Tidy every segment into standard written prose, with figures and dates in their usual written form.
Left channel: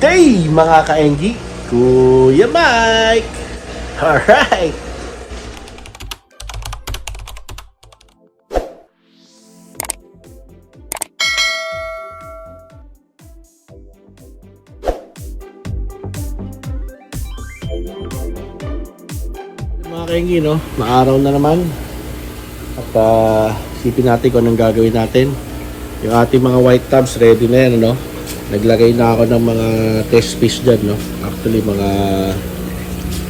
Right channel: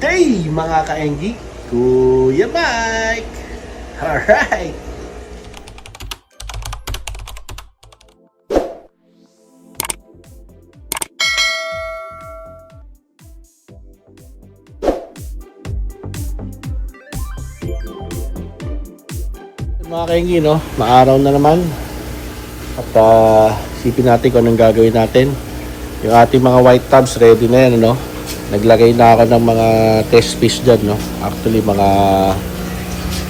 day mga ka-Engi, Kuya Mike! Alright! Mga ka-Engi, no? Maaraw na naman. At isipin natin kung anong gagawin natin. Yung ating mga white tubs ready na yan, no? Naglagay na ako ng mga test fish dyan, no? Actually, mga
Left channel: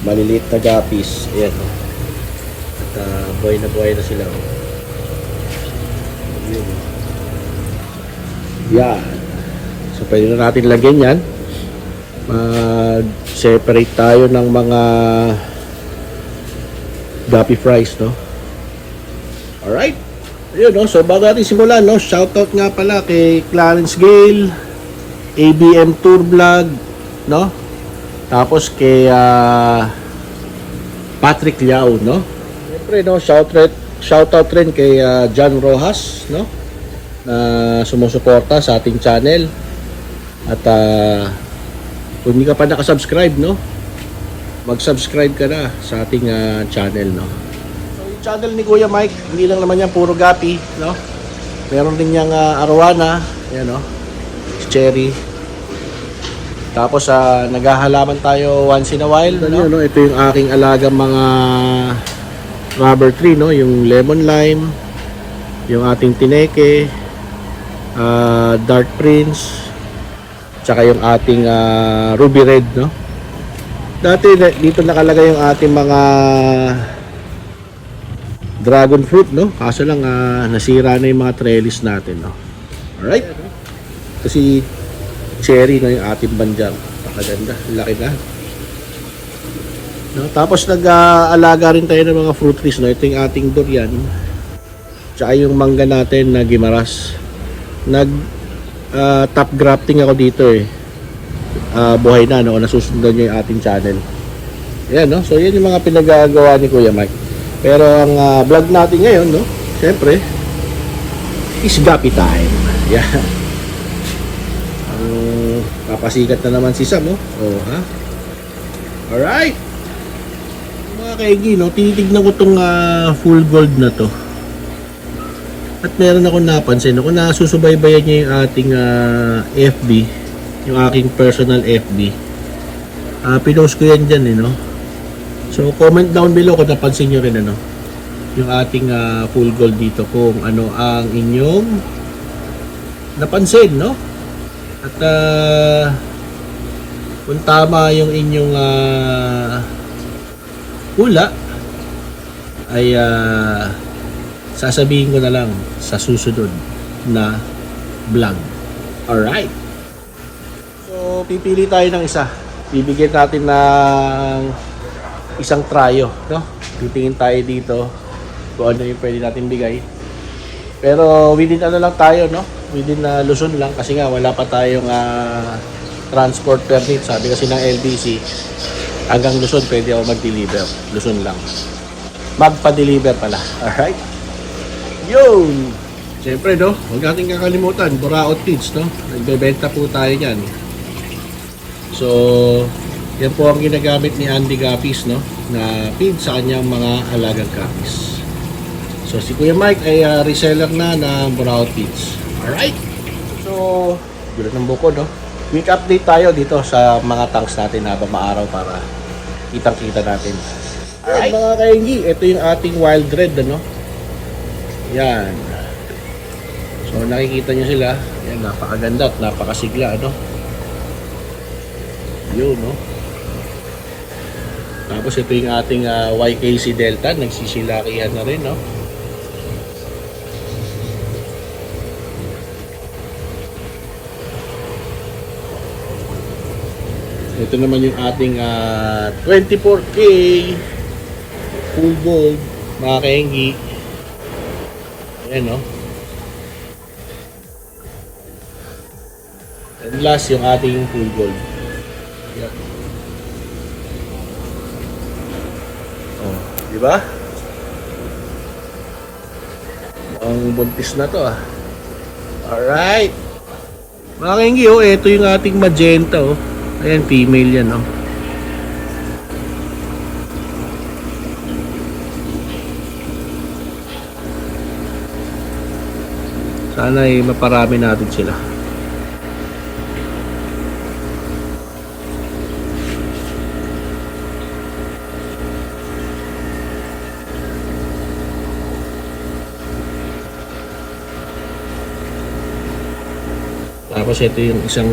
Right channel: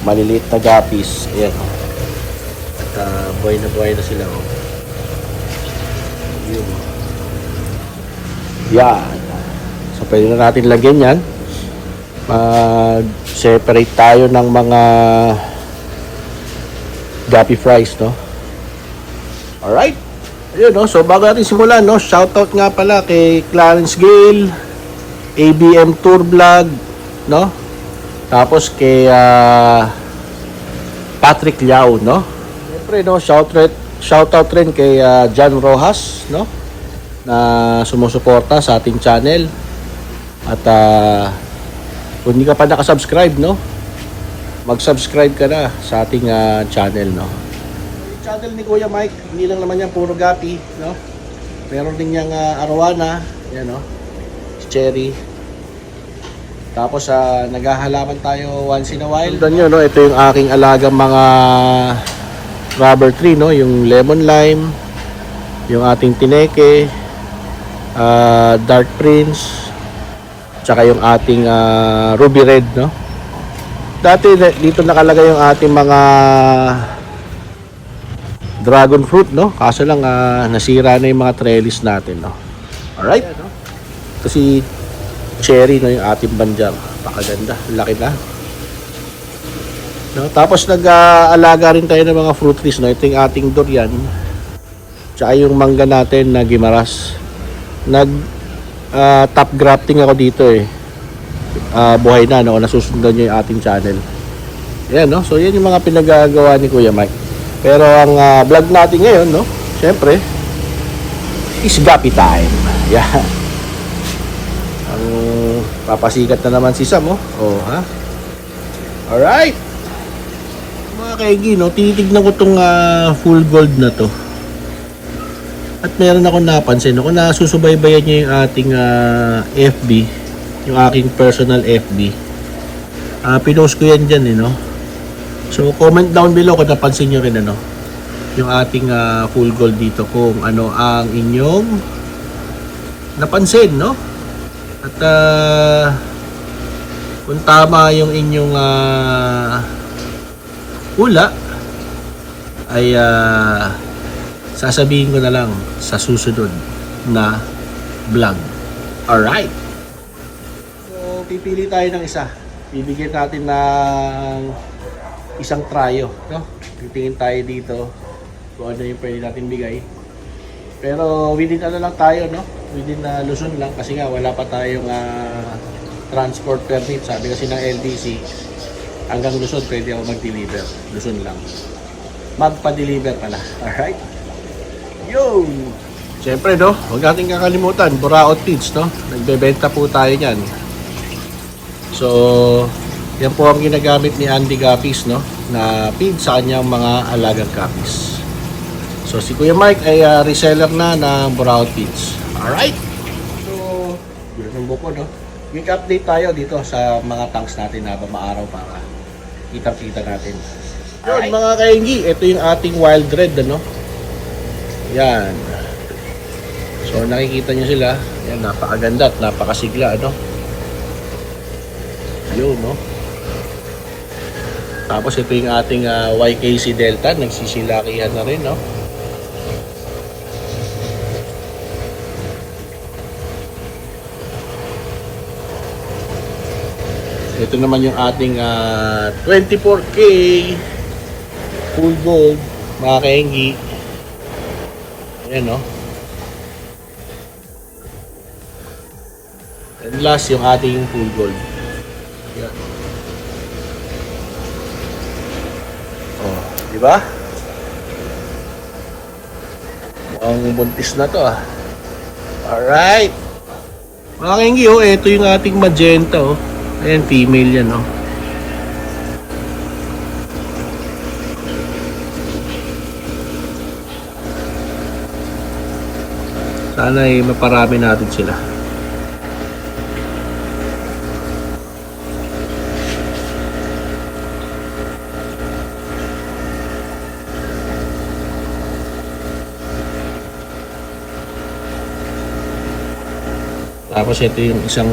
maliliit na guppies. Ayan, no? At buhay na sila, no? Yan. So, pwede na natin lagyan yan. Mag-separate tayo ng mga guppy fries, no? Alright. Yun, no? So, bago natin simulan, no? Shoutout nga pala kay Clarence Gale, ABM Tour Vlog, no? Tapos kay Patrick Liao, no? Siyempre, no? Shoutout rin kay John Rojas, no? Na sumusuporta sa ating channel. At kung hindi ka pa nakasubscribe, no? Mag-subscribe ka na sa ating channel, no? So, yung channel ni Kuya Mike, hindi lang naman yan puro gapi, no? Meron din niyang arowana, yan, no? Cherry. Tapos naghahalaman tayo once in a while, no? Nyo, no? Ito yung aking alagang mga rubber tree, no? Yung lemon lime, yung ating tineke, dark prince, tsaka yung ating ruby red, no? Dati dito nakalagay yung ating mga dragon fruit, no? Kaso lang nasira na yung mga trellis natin, no? Alright? Kasi cherry, no, yung ating banjang. Pakaganda, laki na, no? Tapos nag-aalaga rin tayo ng mga fruit trees, no? Ito yung ating durian, tsaka yung mangga natin na gimaras. Top grafting ako dito, buhay na, no? Nasusundan nyo yung ating channel. Ayan, no? So yan yung mga pinagagawa ni Kuya Mike. Pero ang vlog natin ngayon, no? Siyempre is gapi time. Yan. Papasikat na naman si Sam, oh. Oh, ha? Alright. Mga kaigi, no? Tinitignan ko tong full gold na to. At meron ako napansin, no? Kung nasusubaybayan nyo yung ating FB, yung aking personal FB, pinost ko yan dyan, no? So, comment down below kung napansin nyo rin, ano? Yung ating full gold dito, kung ano ang inyong napansin, no? At kung tama yung inyong hula, ay sasabihin ko na lang sa susunod na vlog. Alright. So, pipili tayo ng isa. Bibigyan natin ng isang tryo, no? Titingin tayo dito kung ano yung pwede natin bigay. Pero within ano lang tayo, no? Within Luzon lang kasi nga wala pa tayong transport permit. Sabi kasi ng LBC, hanggang Luzon pwede ako mag-deliver. Luzon lang. Magpa-deliver pala. Alright? Yun! Siyempre, no? Huwag natin kakalimutan, Buraot Feeds, no? Nagbebenta po tayo yan. So, yan po ang ginagamit ni Andy Guppies, no? Na feed sa kanyang mga alagang guppies. So, si Kuya Mike ay reseller na ng Buraot Feeds. Alright? So, gulat ng buko, no? Week update tayo dito sa mga tanks natin habang maaraw para kitang-kita natin. Alright, mga kaingi, ito yung ating wild red, ano? Yan. So, nakikita nyo sila. Yan, napakaganda at napakasigla, ano? Yun, no? Tapos, ito yung ating YKC Delta. Nagsisilakihan na rin, no? Ito naman yung ating 24K full gold, mga kaingi. Ayan, no? And last, yung ating full gold. Yan. Oh, di ba? Mukhang buntis na to, ah. Alright. Mga kaingi, oh, ito yung ating magenta, oh. Ayan, female yan, no? Sana ay maparami natin sila. Tapos ito yung isang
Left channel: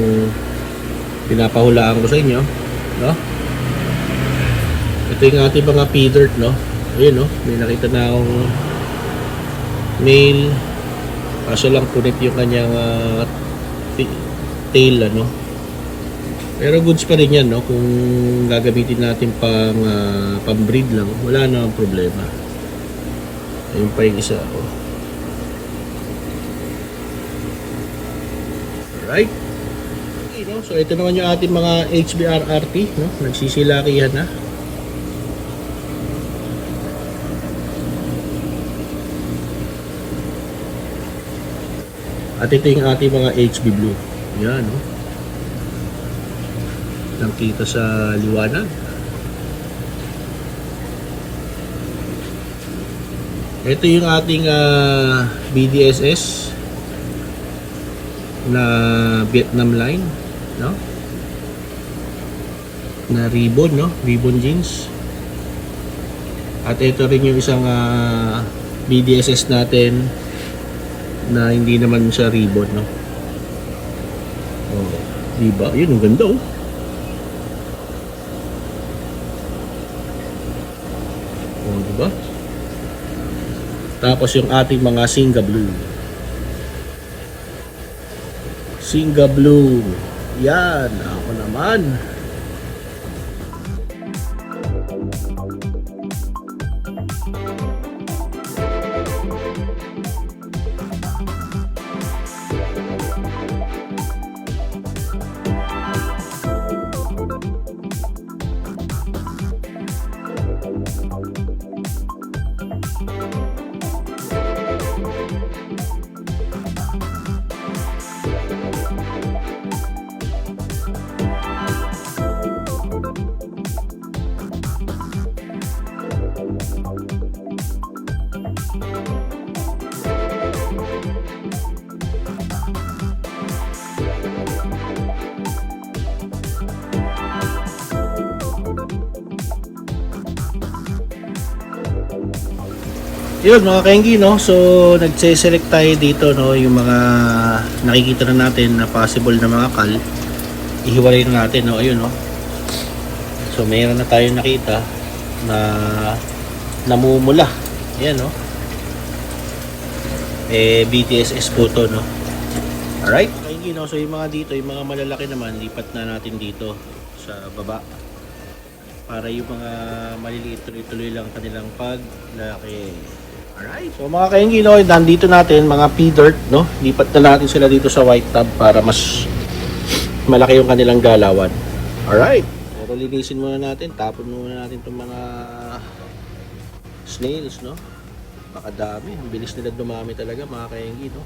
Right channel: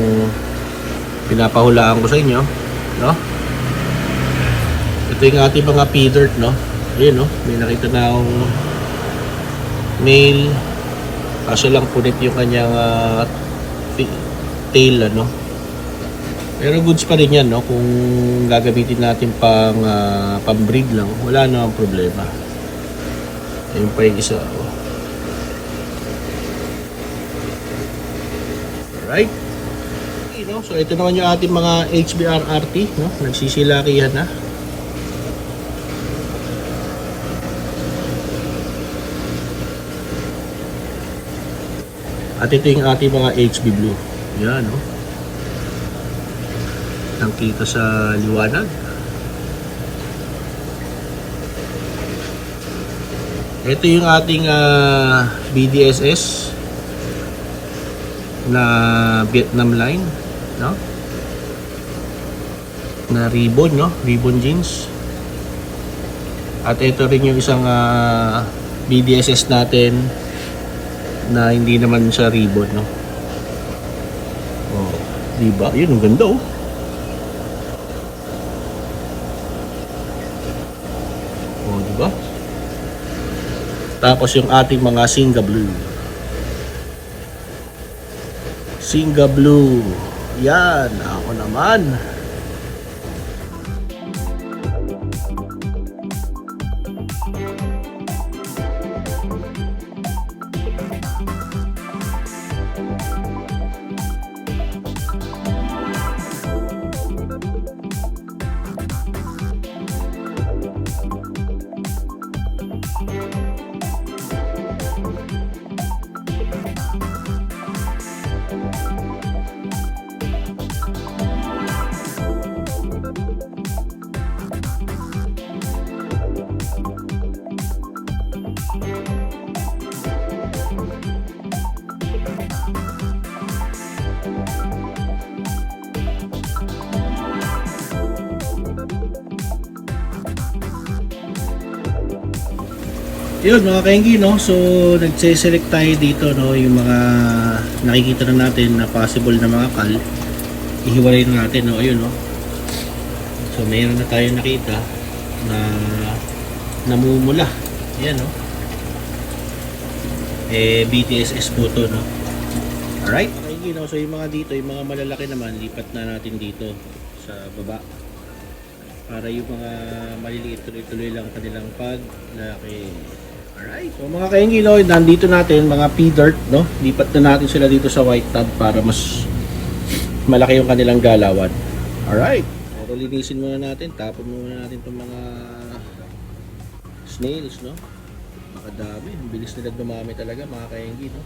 pinapahulaan ko sa inyo, no? Ito yung ating mga pea dirt, no? Ayun, no? May nakita na akong male. Kaso lang punit yung kanyang tail, ano? Pero goods pa rin yan, no? Kung gagamitin natin pang breed lang, wala na ang problema. Ayun pa yung isa, oh. Alright. Okay, no? So ito naman yung ating mga HBR RT, no? Nagsisilakihan na. At ito yung ating mga HB Blue. Yan, no? Nakita sa liwanag. Ito yung ating BDSS na Vietnam line, no? Na ribbon, no? Ribbon jeans. At ito rin yung isang BDSS natin na hindi naman siya ribbon, no? Oh, diba? Yun, ang ganda, oh. Oh, diba? Tapos yung ating mga Singa Blue. Singa Blue. Yan, ako naman. Yun mga kainggi, no? So nagse-select tayo dito, no? Yung mga nakikita na natin na possible na mga kal, ihiwalay na natin, no? Ayun, no? So mayroon na tayo nakita na namumula. Yan, no? BTSS po to, no? Alright, kainggi, no? So yung mga dito, yung mga malalaki naman, lipat na natin dito sa baba para yung mga maliliit tuloy-tuloy lang kanilang paglalaki. Alright. So mga kainggi, no, nandito natin mga pea dirt, no? Lipat na natin sila dito sa white tub para mas malaki yung kanilang galawan. Alright. Pero linisin muna natin, tapon muna natin itong mga snails, no? Makadami. Ang bilis nila dumami talaga mga kainggi, no?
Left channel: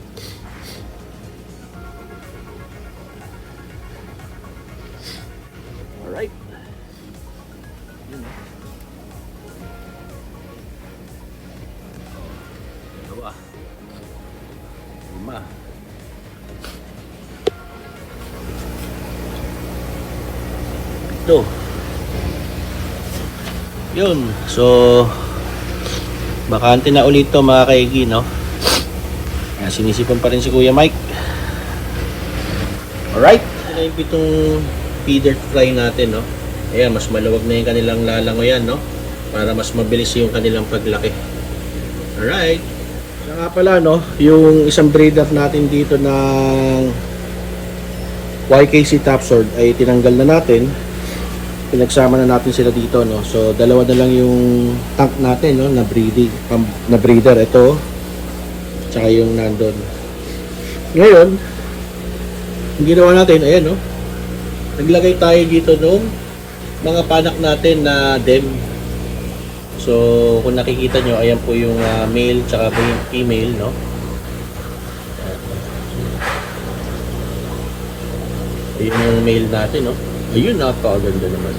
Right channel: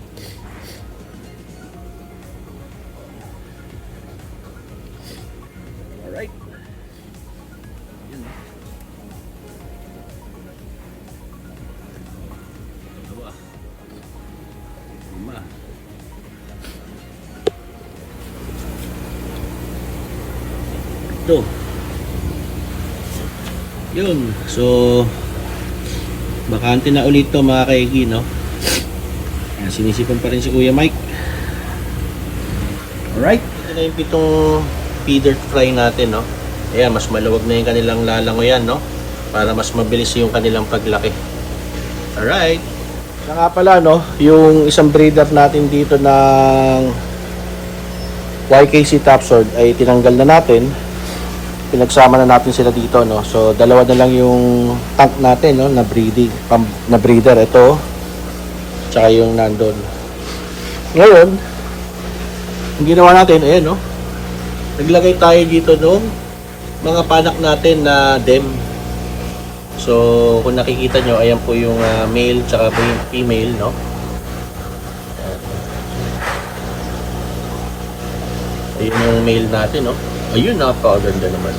Alright. Ito. Yun. So bakante na ulit to mga kaigi, no? Sinisipan pa rin si Kuya Mike. Alright. Ito yung pitong feeder fly natin, no? Ayan, mas maluwag na yung kanilang lalangoyan, no? Para mas mabilis yung kanilang paglaki. Alright. Siya nga pala, no? Yung isang breeder natin dito ng YKC Topsword ay tinanggal na natin. Pinagsama na natin sila dito, no? So dalawa na lang yung tank natin, no, na breeder. Ito tsaka yung nandun. Ngayon yung ginawa natin, ayan, no, naglagay tayo dito ng mga panak natin na dem. So kung nakikita nyo, ayan po yung male tsaka po yung female, no? Ayan yung male natin, no? Ayun, napakaganda naman.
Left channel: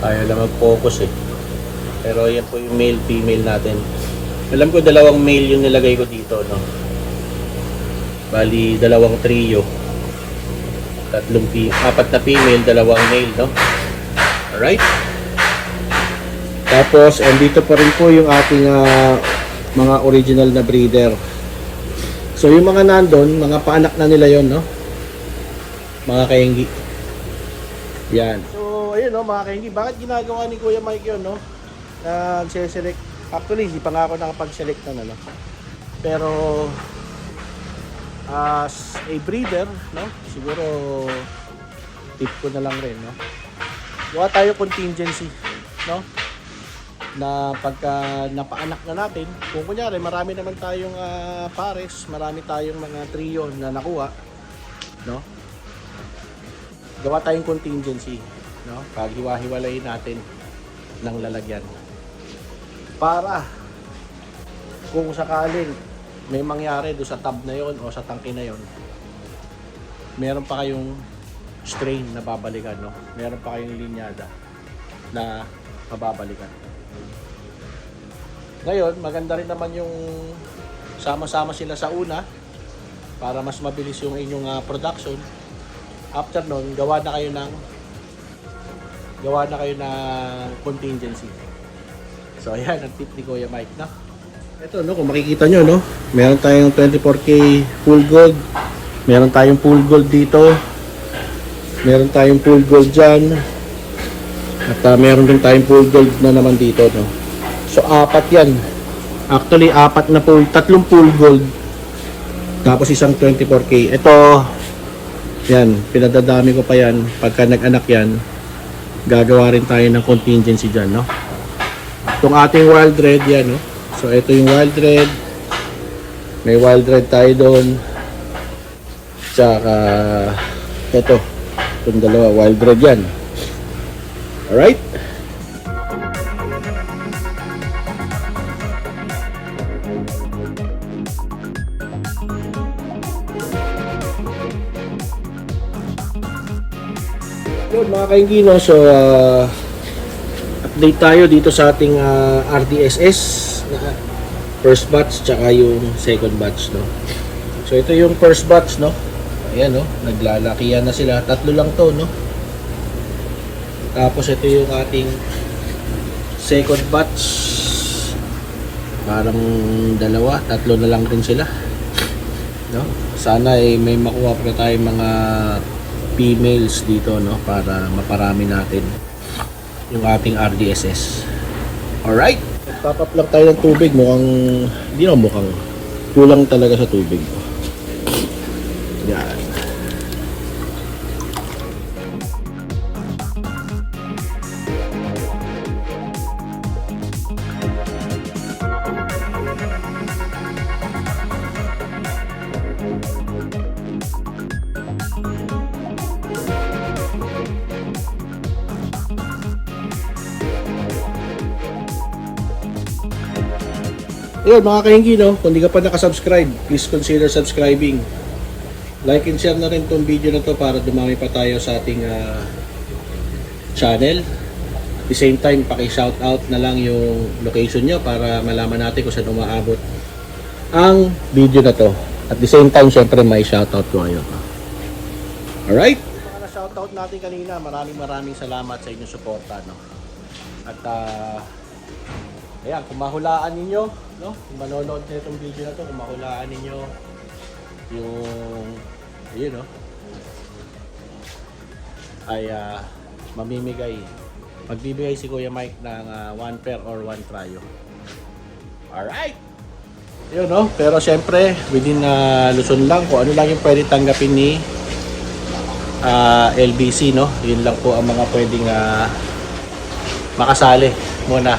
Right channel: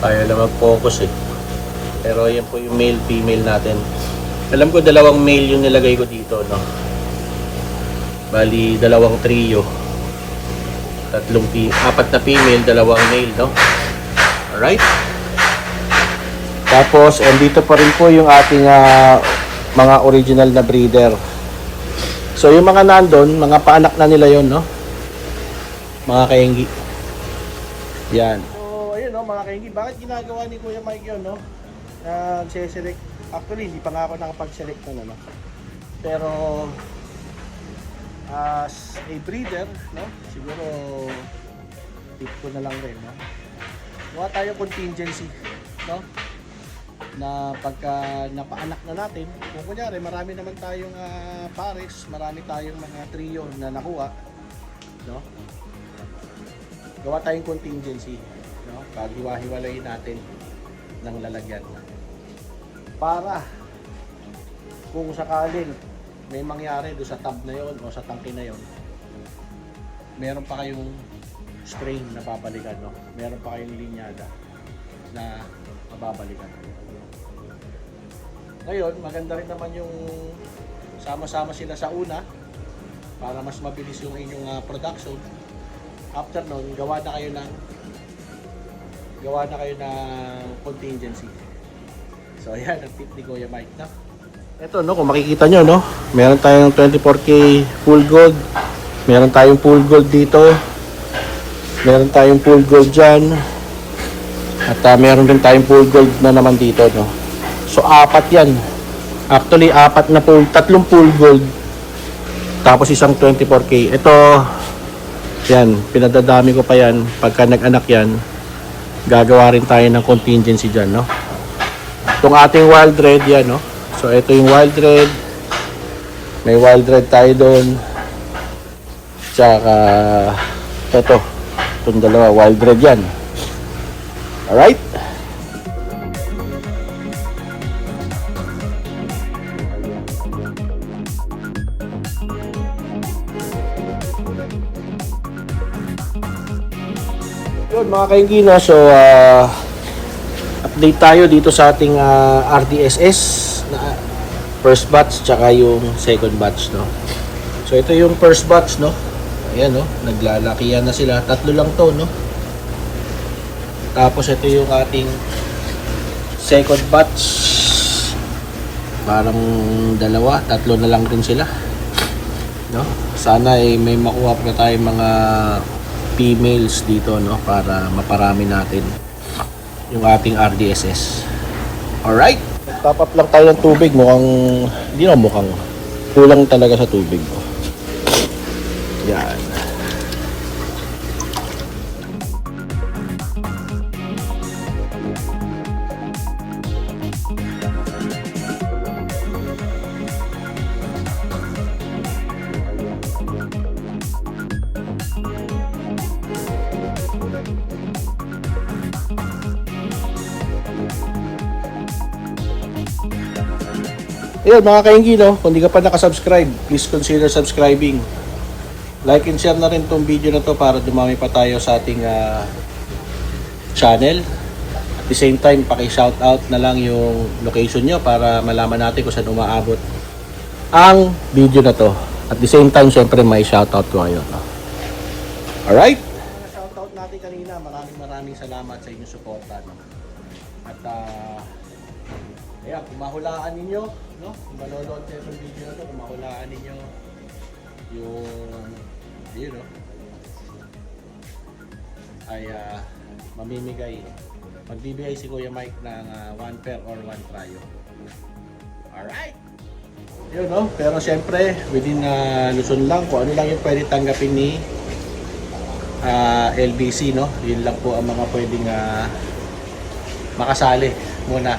Kaya lang mag-focus eh. Pero yan po yung male, female natin. Alam ko dalawang male yung nilagay ko dito, no? Bali, dalawang trio. Apat na female, dalawang male, no? Alright? Tapos, dito pa rin po yung ating mga original na breeder. So, yung mga nandun, mga paanak na nila yon, no? Mga kainggi. Yan. So, ayun, no, mga kainggi. Bakit ginagawa ni Kuya Mike yun, no? Nag-select. Actually, hindi pa nga ako nakapag-select na, no? Pero, as a breeder, no? Siguro, tip ko na lang rin, no? Gawa tayo contingency, no? Na pagka napaanak na natin, kung kunyari marami naman tayong pares, marami tayong mga trio na nakuha, no? Gawa tayong contingency, no? Paghiwa-hiwalayin natin ng lalagyan. Para kung sakaling may mangyari do sa tub na yon o sa tangke na yon, meron pa kayong strain na babalikan, no? Meron pa kayong linyada na mababalikan. Ngayon, maganda rin naman yung sama-sama sila sa una para mas mabilis yung inyong production. After nun, gawa na kayo ng contingency. So ayan, ang tip ni Kuya Mike, no? Ito, no, kung makikita nyo, no, meron tayong 24K full gold. Meron tayong full gold dito. Meron tayong full gold dyan. At meron din tayong full gold na naman dito, no. So, apat yan. Actually, tatlong full gold. Tapos isang 24K. Ito, yan, pinadadami ko pa yan. Pagka nag-anak yan, gagawa rin tayo ng contingency dyan, no? Itong ating wild red, yan, no? So, ito yung wild red. May wild red tayo doon. Tsaka, ito. Itong dalawa, wild red yan. Alright? Yun mga kaingino, so update tayo dito sa ating RDSS na first batch tsaka yung second batch, no. So ito yung first batch, no. Ayan, no, naglalakihan na sila. Tatlo lang to, no. Tapos ito yung ating second batch. Parang tatlo na lang rin sila, no. Sana may makuha pa tayong mga females dito, no, para maparami natin yung ating RDSS. Alright, top up lang tayo ng tubig. Mukhang kulang talaga sa tubig, no? Yan. Ayun mga kainggi, no, kung di ka pa nakasubscribe, please consider subscribing. Like and share na rin tong video na to para dumami pa tayo sa ating channel. At the same time, paki-shoutout na lang yung location nyo para malaman natin kung saan umaabot ang video na to. At the same time, syempre may shoutout ko ngayon, no? Alright? Mga shoutout natin kanina, maraming salamat sa inyong suporta, no? At ayan, kung mahulaan ninyo, no? Kung manonood nyo itong video na to, kung mahulaan ninyo yung, ayun, no? Ay magbibigay si Kuya Mike ng 1 pair or 1 trio. Alright! Ayun, no? Pero syempre, within Luzon lang, kung ano lang yung pwede tanggapin ni LBC, no? Yun lang po ang mga pwedeng makasali muna,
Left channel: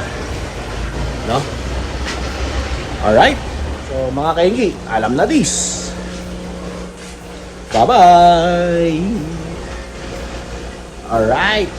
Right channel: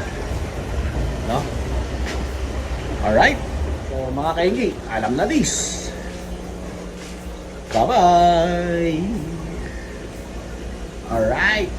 no? Alright. So mga kainggi, alam na this. Bye-bye. Alright.